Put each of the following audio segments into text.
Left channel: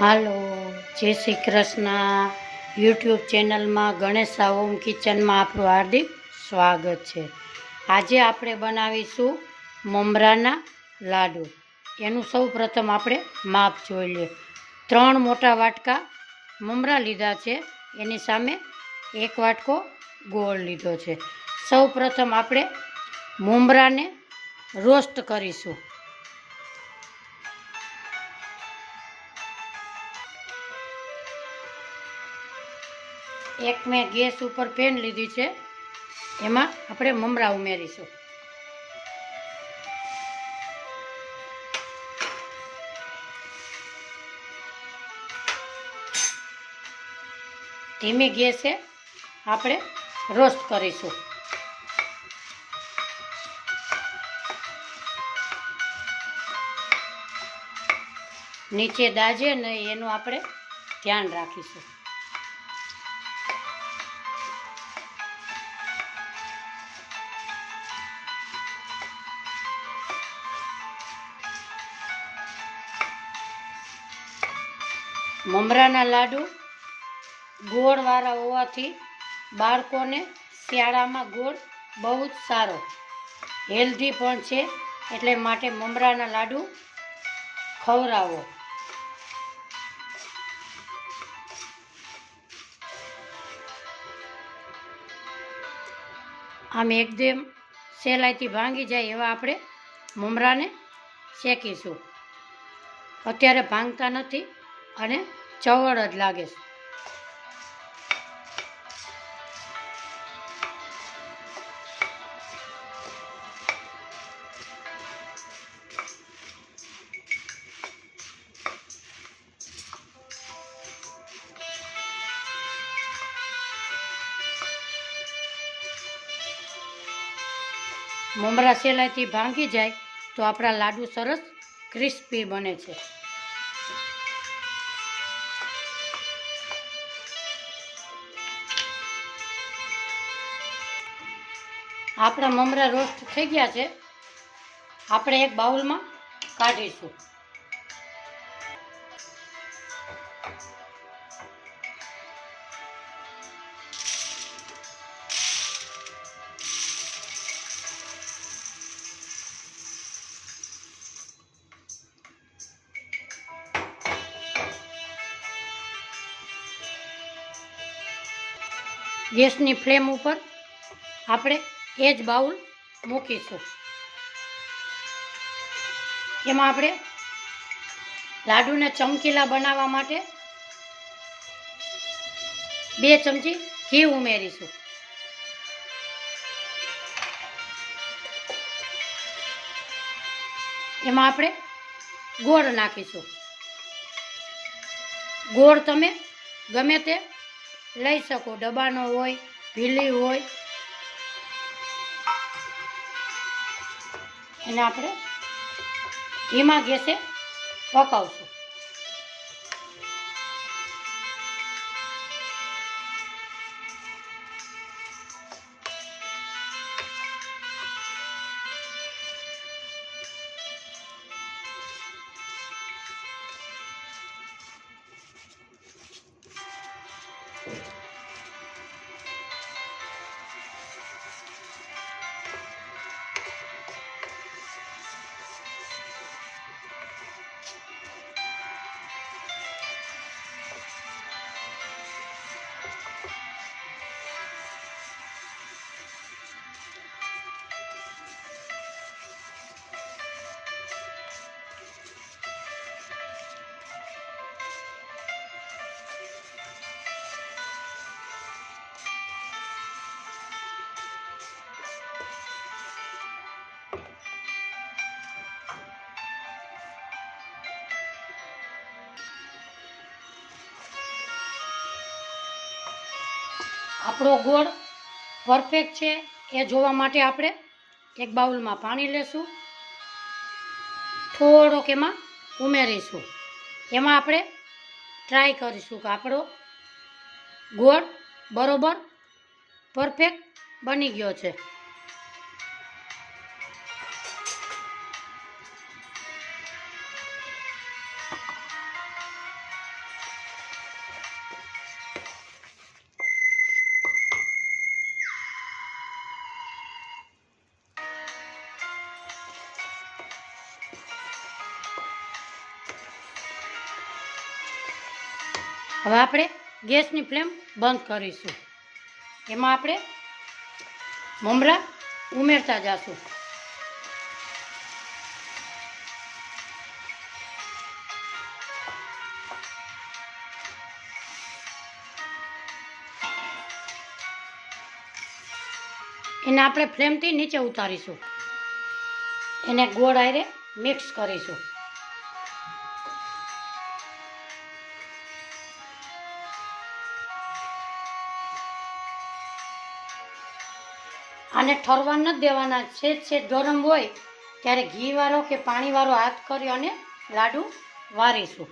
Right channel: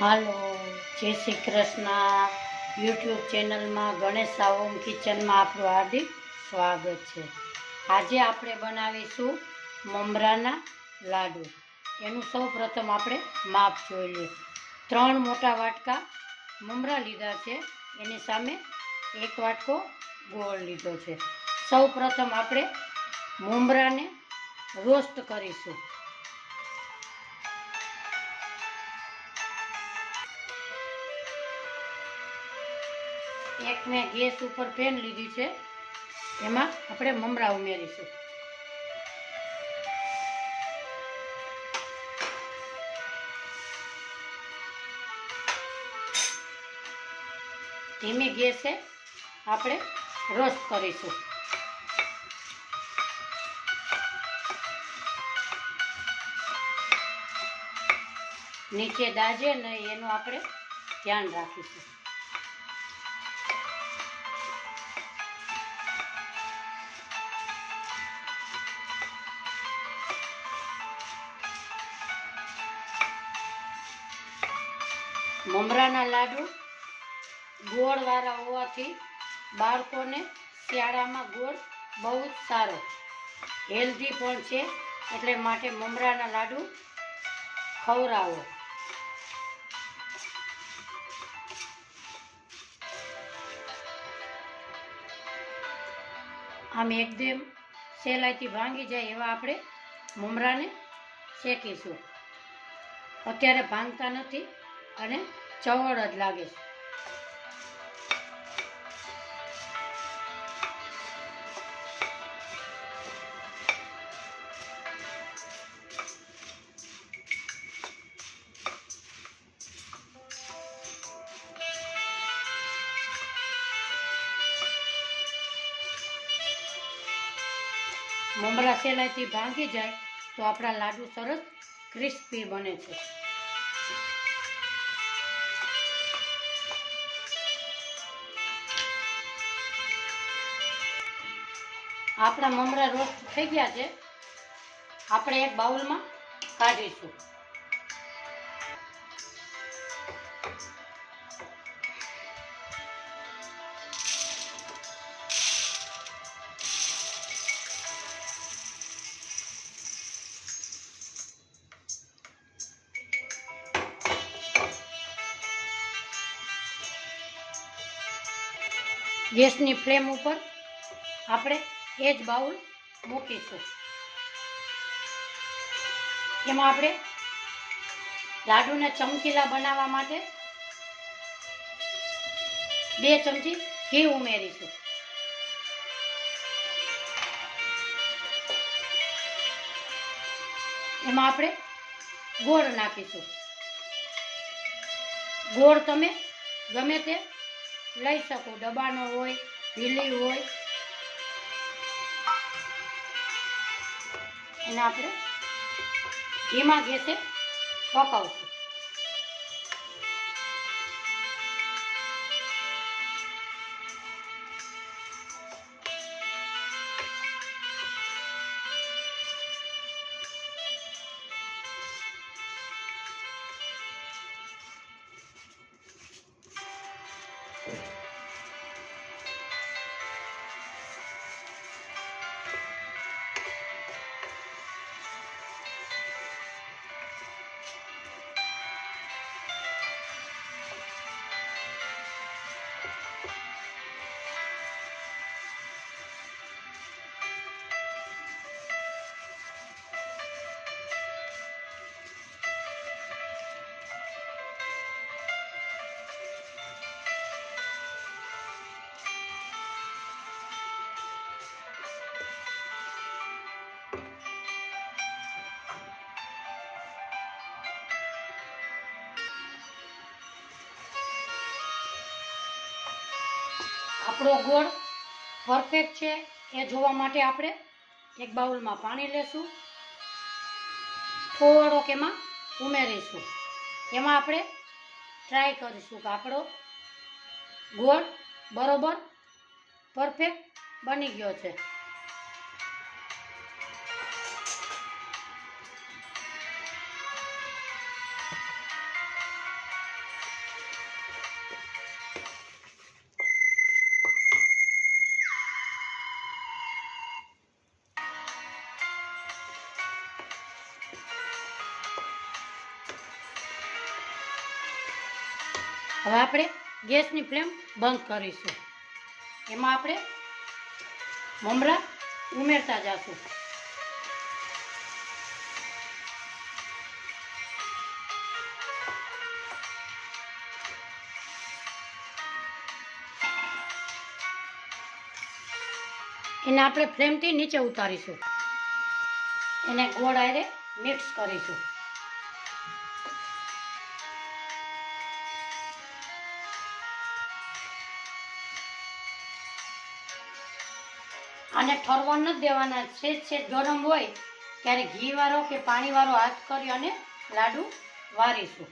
હાલો, જય શ્રી કૃષ્ણ. યુટ્યુબ ચેનલમાં ગણેશા હોમ કિચનમાં આપણું હાર્દિક સ્વાગત છે. આજે આપણે બનાવીશું મમરાના લાડુ. એનું સૌ પ્રથમ આપણે માપ જોઈ લઈએ. 3 મોટા વાટકા મમરા લીધા છે, એની સામે 1 વાટકો ગોળ લીધો છે. સૌ પ્રથમ આપણે મમરાને રોસ્ટ કરીશું. એક મેં ગેસ ઉપર પેન લીધી છે, એમાં આપણે મમરા ઉમેરીશું. ધીમી ગેસે આપણે રોસ્ટ કરીશું. નીચે દાજે નહીં એનું આપણે ધ્યાન રાખીશું. મમરાના લાડુ ગોળવાળા હોવાથી બાળકોને શિયાળામાં ગોળ બહુ જ સારો, હેલ્ધી પણ છે, એટલે માટે મમરાના લાડુ ખવડાવો. આમ એકદમ સહેલાઈથી ભાંગી જાય એવા આપણે મમરાને શેકીશું. અત્યારે ભાંગતા નથી અને ચવડ જ લાગે છે. મમરા સહેલાઈથી ભાંગી જાય તો આપણા લાડુ સરસ ક્રિસ્પી બને છે. આપણા મમરા રોસ્ટ થઈ ગયા છે, આપણે એક બાઉલમાં કાઢીશું. ગેસની ફ્લેમ ઉપર આપણે એ જ બાઉલ મૂકીશું. એમાં આપણે લાડુને ચમકીલા બનાવવા માટે 2 ચમચી ઘી ઉમેરીશું. એમાં આપણે ગોળ નાખીશું. ગોળ તમે ગમે તે લઈ શકો, ડબ્બાનો હોય, ભીલી હોય. એને આપણે ધીમા ગેસે પકાવશું. આપણો ગોળ પરફેક્ટ છે એ જોવા માટે આપણે એક બાઉલમાં પાણી લેશું, થોડોક એમાં ઉમેરીશું. એમાં આપણે ટ્રાય કરીશું કે આપણો ગોળ બરોબર પરફેક્ટ બની ગયો છે. હવે આપણે ગેસની ફ્લેમ બંધ કરીશું. એમાં આપણે મમરા ઉમેરતા જઈશું. એને આપણે ફ્લેમથી નીચે ઉતારીશું. એને ગોળ હારે મિક્સ કરીશું. આને ઠરવા નથી દેવાના. સેજ ગરમ હોય ત્યારે ઘીવાળો કે પાણીવાળો હાથ કરી અને લાડુ વારીશું.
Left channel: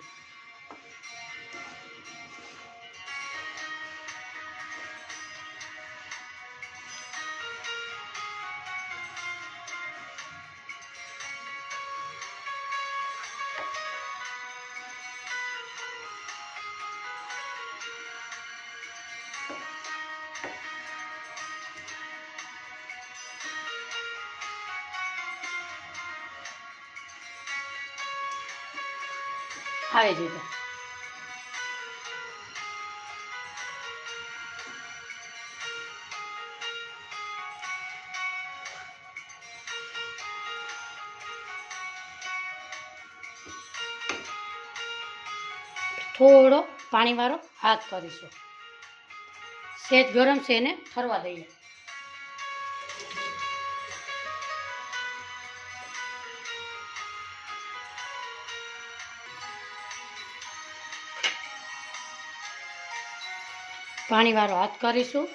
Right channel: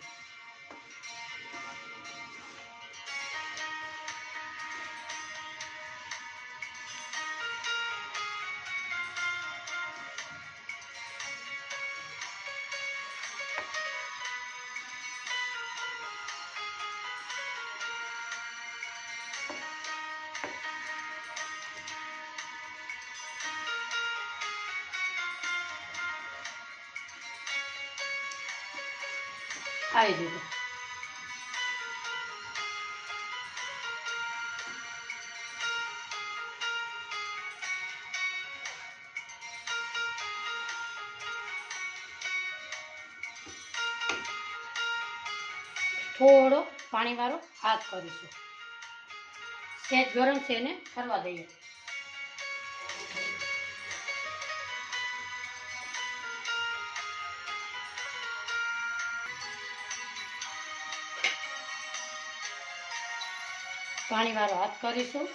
આવી રીતે થોડો પાણીવાળો હાથ કરીશું. સેજ ગરમ છે એને ઠરવા દઈએ. પાણીવાળો હાથ કરીશું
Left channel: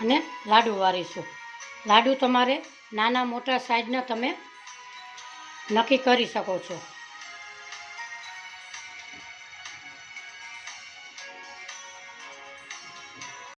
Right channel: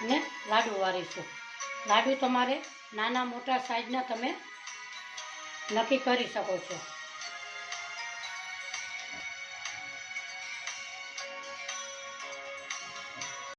અને લાડુ વારીશું. લાડુ તમારે નાના મોટા સાઈઝના તમે નક્કી કરી શકો છો.